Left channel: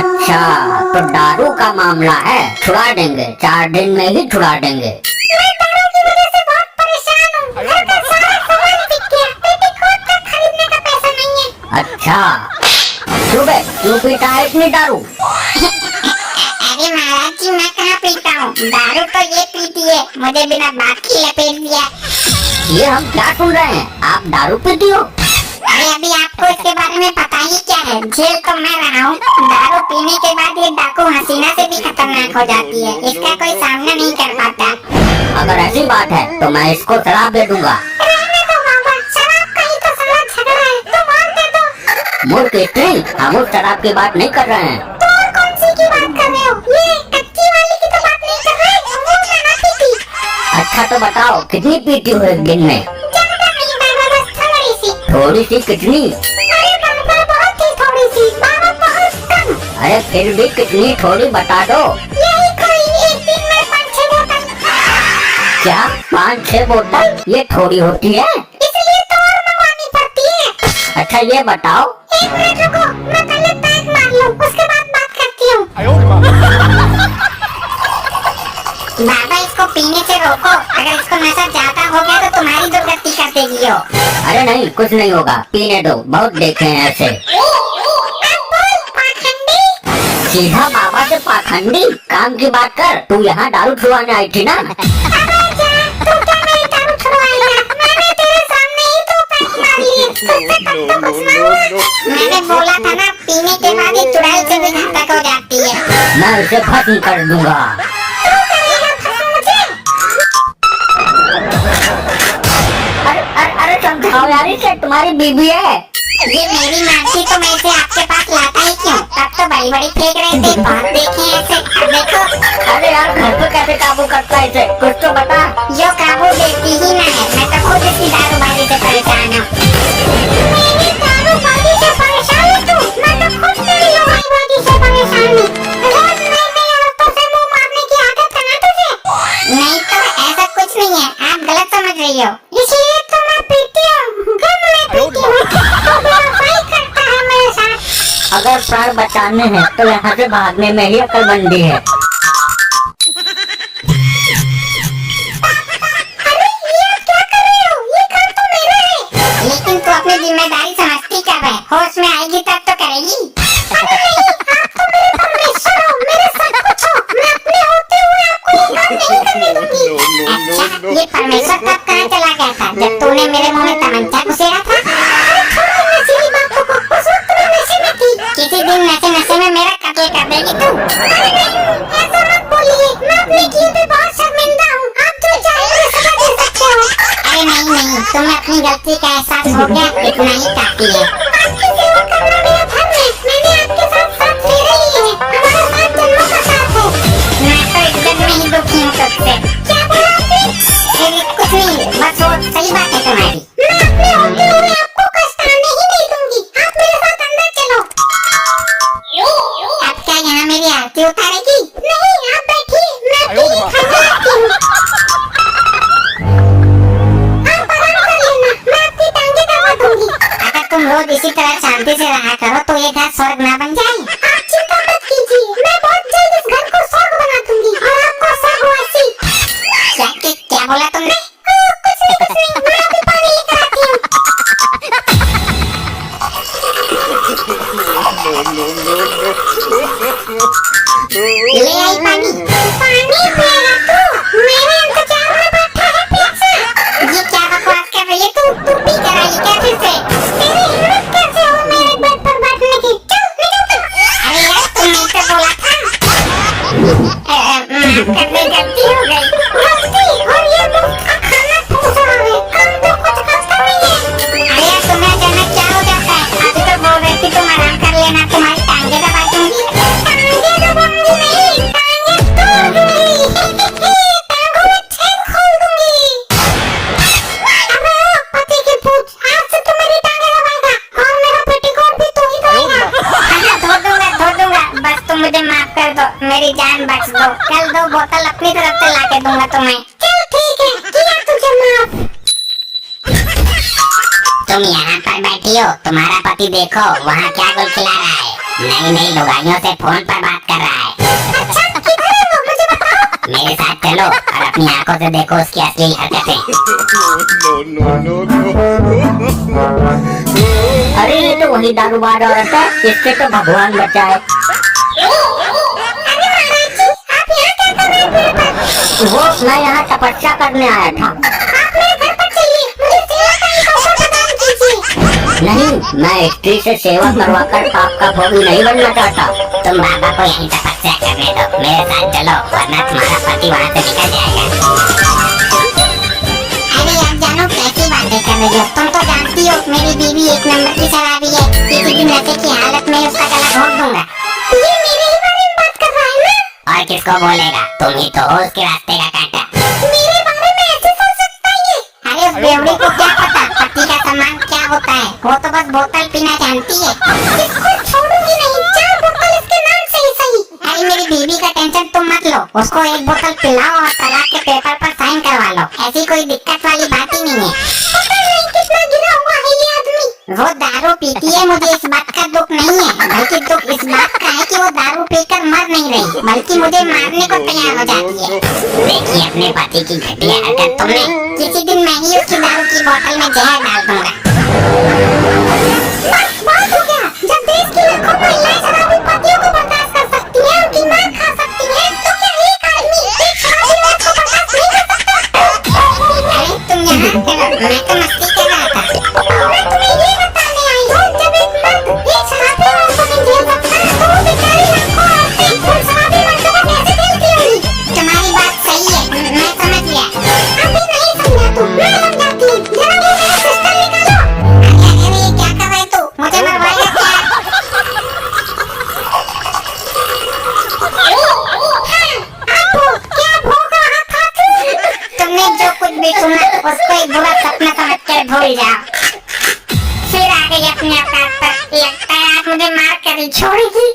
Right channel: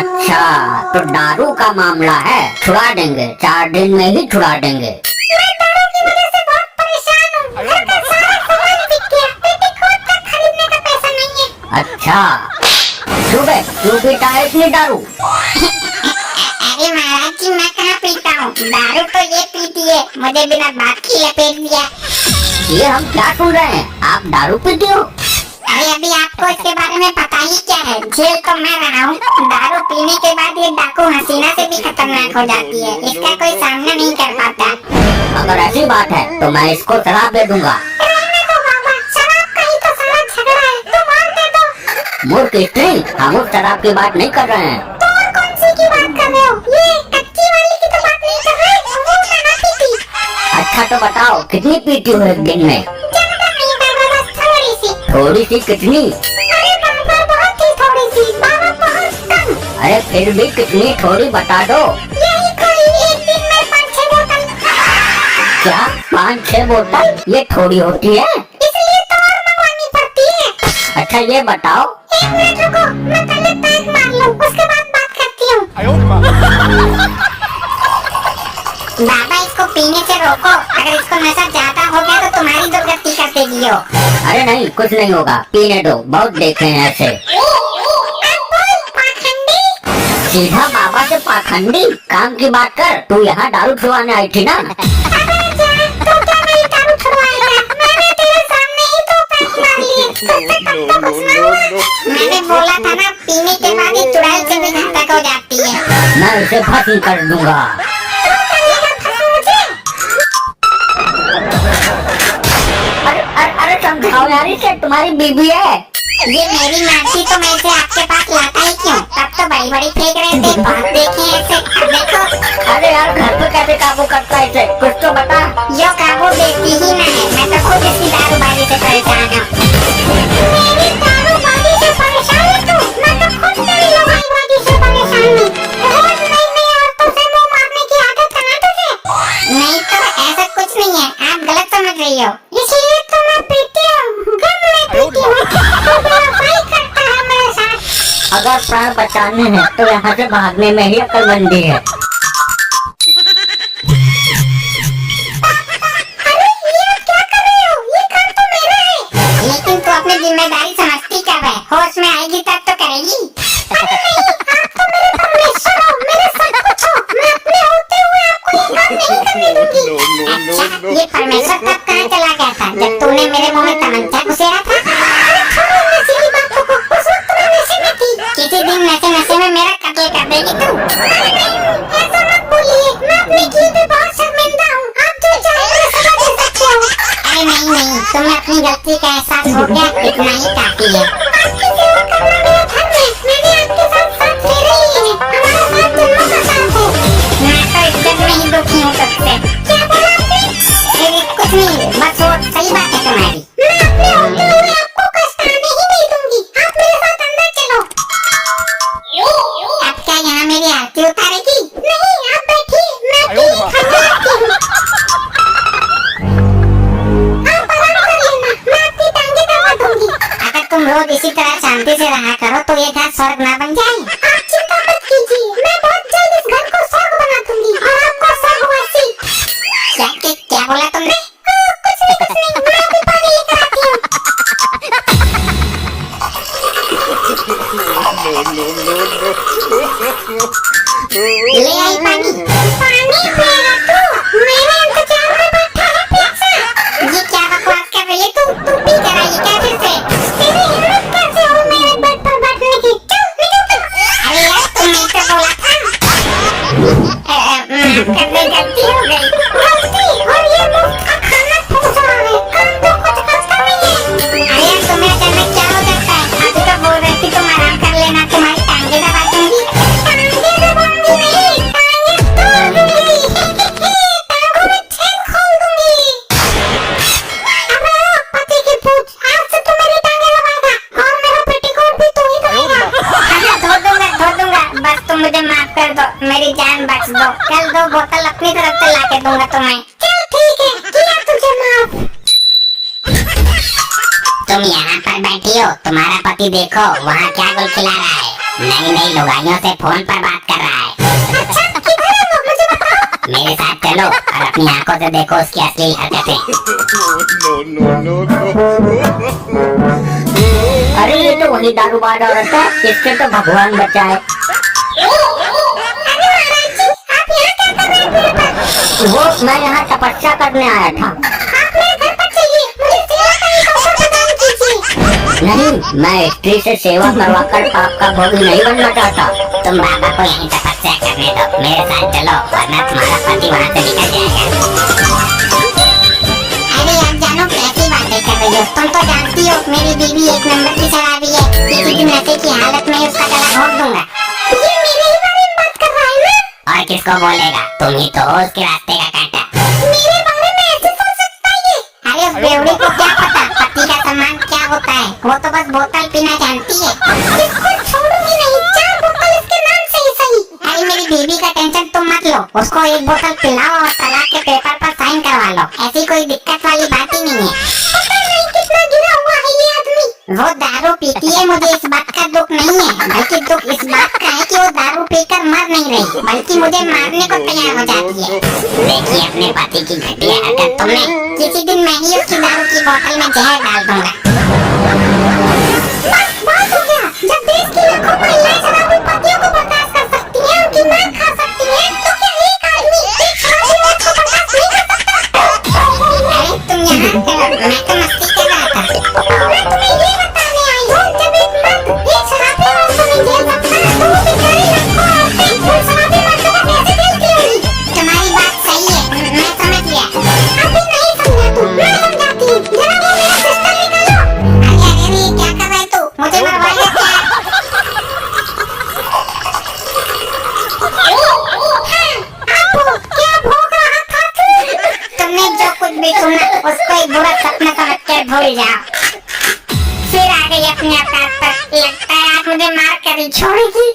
अच्छा, तो दारू का मामला है, छुड़ा देंगे, 4 दिन में ही छुड़ा देंगे। मैं दारू की वजह से बहुत परेशान हूँ। घर का सारा सामान बिक गया, पेटीकोट का खरीदने का पैसा नहीं है। अच्छा, क्यों पीता है इतनी दारू? अरे महाराज जी, मैं कहाँ पीता हूँ, दारू तो ये पीती है, मुझे बिना बात की लपेट दिया। ये हम क्या सुन रहे हैं, आप दारू पीती हो? अरे अभी आपको इसके बारे में पता ही क्या है, जेल तो मैं रहा हूँ। दारू पीने के बाद ये डाकू हसीना से भी खतरनाक हो जाती है, इसका कोई सामना नहीं कर पाता। अगर ऐसी बात है तो मैं इसको शराब दे दूंगा। रहने दो बाबा, शराब का ही तो सारा झगड़ा है, तुम और दे दो। मूर्ख स्त्री, हम उस शराब की बात नहीं कर रहे हैं। तो और कौन सी की बात कर रहे हो? ये कच्ची वाली की तो बात नहीं कर रहे, वो मैं ना पीती। अच्छा तो बताओ, कितनी पीती हो एक दिन में? ज्यादा नहीं बाबा, बस थोड़ी सी। थोड़ी सी कितनी? अरे बाबा, बहुत ही थोड़ी सी बाबा, बहुत कम। अरे फिर भी कितनी थोड़ी बता दो। यही कोई एक दिन में 5-6 बोतल। क्या 5-6 बोतल? ये थोड़ी होती है? इसलिए तो और मंगवानी पड़ती है। अच्छा ये बताओ। एक मिनट रुको, मैं पहले पैक मार लूं, उसके बाद बात करती हूँ। बाबा, इसको पीने से रोको, अगर इसको नशा ज्यादा हो गया तो तुम्हारी दुर्गति कर देगी यो। अरे नहीं, कुछ नहीं होगा, पीने दो, बहुत देखे हैं ऐसे। अब बोल पाखंडी। सीधा बाबा से पाखंडी? काम की बात कर, तू यहाँ दारू छुड़वाने आई थी ना? अबे जा, तू क्या मेरी दारू छुड़वाएगा? मैंने तेरे सामने ही तो पैक मार लिए, तुझसे कब तो कुछ ना हुआ। मैंने बोला था ना, पीने के बाद ये चुड़ैल से भी घातक हो जाती है। मैं इसे भस्म कर दूंगा। तू करेगा भस्म मुझे? अरे समझाओ यार, इसे तुम्हारी बीबी है। ये मेरी मर्जी तो मैं इसे आपके पास लाता ही क्यों? तब तो बड़ी बड़ी फेंक रहे थे, बहुत देखे हैं ऐसे। अब देखो। अरे यार, घर पे कैसे काबू करता है इसे, कुछ तो बता। यो काबू देती ही ना है, मैं तो खुद इसकी दारूबाजी से परेशान हूँ। मेरी दारूबाजी से परेशान है तू? मैं तो खुद तेरी लुगाईबाजी से परेशान हूँ। रोज नई नई औरतों से मुंह मारने की आदत है ना तुझे? नहीं तो ऐसा कुछ नहीं है, आप गलत समझ रही हो। इसलिए तो मैं पीती हूँ, गम में पीती हूँ। तो बेवफाई करता है मेरे साथ। अगर प्राण बचाने हैं तो यहाँ से भागने में ही अक्लमंदी है। अरे ये आप क्या कर रहे हो? ये काम तो मेरा है। लेकिन तू अपनी जिम्मेदारी समझती कब है? होश में आएगी तब तो करेगी। अरे नहीं, आप तो मेरे परमेश्वर हो, मेरे सब कुछ हो। मैं अपने होते हुए आपको ये काम नहीं करने दूंगी। अच्छा, ये परमेश्वर तब कहाँ चला गया था, जब तूने मेरे मुंह में तमंचा घुसेड़ा था? अरे छोड़ो नशे की बातों को, उस वक्त मैं नशे में थी। किसी दिन नशे में मेरा कत्ल कर देगी तू। अरे नहीं, ऐसा मत बोलिए, मैं अपने किए पे बहुत शर्मिंदा हूँ। आप जो चाहे सजा दे सकते हो। अरे नहीं, तुम्हें अपनी गलती का एहसास हो गया, इतना ही काफी है। आपकी सेवा करना मेरा धर्म है, मैंने आपके साथ 7 फेरे लिए हैं, हमारा 7 जन्मों का साथ है। मैं तो इज्जत में ही दुखी हूँ तुझसे। क्या बोला आपने? कुछ नहीं, बस वो सही बात है तुम्हारी। मैं अपने होते हुए आपको कष्ट आने ही नहीं दूंगी, आप मेरे साथ अंदर चलो। अब क्या यहाँ मेरी आरती उतारेगी? नहीं, आप बैठिए, मैं अपनी खाना लाती हूँ। आप आराम कर लेना, मैं आपकी टांगे दबा दूंगी। अगर तुम रोज इसी तरह शांति से रहा करो तो ये घर स्वर्ग ना बन जाए। आप चिंता मत कीजिए, मैं बहुत जल्द इस घर को स्वर्ग बना दूंगी और आपको स्वर्गवासी। क्या बोला तुमने? कुछ नहीं, मैं अभी पानी लेकर आती हूँ। ले आई पानी। पानी पिएगा तू? मेरे इंतजार में बैठा है पीछे। ये क्या बकवास कर रही है तू? तू पी कर आई क्या फिर से? तेरी हिम्मत कैसे हो मेरे बेड पर बैठने की? चल निकल तू। अरे यार, तुमने तो बोला था। माफ कर दे, गलती हो गई। गलती? और ये मुफ्त का खाना ठूस रहा है, हम तो कुछ खाता नहीं है। अरे यार, तुम्हें अचानक क्या हो जाता है? अभी तो बोल रही थी तुम आराम कर लेना, तुम्हारी टांगे दबा दूंगी। टांगे दबाऊंगी नहीं, टांगे तोड़ दूंगी। टांगों में छेद खोल दूंगी। अबे ओ पति की पूछ, आज से तू मेरी टांगे दबाएगा और मेरा पेटीकोट भी तू ही धोएगा। धो दूंगा, बस तुम मुझे माफ कर दो, मेरी जान बख्श दो। कल 2 बोतल अपनी तरफ से लाके दूंगा तुम्हें। चल ठीक है, किया तुझे माफ। तुम यहाँ पर बैठी हो, तुम्हारा पति देखो वहाँ क्या गुल खिला रहा है। नहीं नहीं, लुगाइयों से फोन पर बात कर रहा है। अच्छा किधर है वो, मुझे बताओ। मेरे साथ चलो और अपनी आंखों से देखो उसकी असली हरकतें। अरे ये तो वही दारूबाज औरत है, इससे तो भगवान बचाए। अरे महाराज जी, आप यहाँ क्या कर रहे हैं मेरे पर? वो मैं यहाँ तपस्या करने आया था। आप मेरे घर पर चलिए, मुझे सेवा का एक अवसर प्रदान कीजिए। नहीं, मैं स्त्री से सेवा करवाकर पाप का भोगी नहीं बनना चाहता। तुम बाबा को यहीं तपस्या करने दो, मेरे साथ चलो वरना तुम्हारा पति वहाँ से निकल जाएगा। अरे आप जानो कैसी बातें कर रही हो, तुम तो जानती हो मेरी बीवी एक नंबर की शराबी है, किसी भी नशे की हालत में उसका गला घोट दूंगा। ये मेरे ही बारे में बात कर रहा है ना? और किसको बोलेगा, तुम ही तो हो उसके रास्ते का कांटा। मेरे बारे में ऐसे सोच सकता है ये? अरे उस बेवड़ी को क्या पता पति का सम्मान क्या होता है, वो तो बस बोतल पीना जानती है। इसको छोड़ूंगी नहीं, 4 बोतल इसके नाम से ही सही। अरे मेरी बीबी का टेंशन तुम मत लो, उसको एक बोतल पिलाओ और तलाक के पेपर पर साइन करवा लो, ऐसी कोई दिक्कत वाली बात ही नहीं है। पता नहीं कितना गिरा हुआ है ये आदमी। वो दारू पीती है, मुझे इस बात का दुख नहीं है, बल्कि दुख इस बात का है कि वो दारू पीकर मर नहीं रही, बल्कि मुझे मारने को तैयार हो जाती है। देखिए अपने पति की घटिया हरकत तुमने। किसी दिन मैं ही उसकी दारू की बोतल में जहर डाल दूंगा। बस बात हो गया। जब देश की लाखों महिलाएं शराबी पतियों को बर्दाश्त कर सकती हैं, उनकी मार खा सकती हैं, तो क्या एक आदमी एक शराबी औरत को बर्दाश्त नहीं कर सकता? अरे तुम यहाँ, मैं तो मस्ती कर रहा था। मैं तुम्हें ये बताने आई हूँ, जब एक मर्द एक शराबी औरत को नहीं झेल सकता, तो वो बेचारी लाखों औरतें उन शराबी मर्दों को कैसे झेलती होंगी? तुम्हारी बात सही है, मैं समझ गया। अभी नहीं समझा तू, मैं समझाती हूँ। जरा वो मेरा सिस्टम निकालो। अरे अरे अरे, क्या कर रहे तू? मुझे मरवाएगा क्या? हाँ, आपको क्या भोग रहा था तू? तुमने जो कुछ भी सुना उसको एक बुरा सपना समझकर भूल जाओ। फिर आ गई अपने औकात पर, लगता है आज मुझे मार कर ही छोड़ेगी।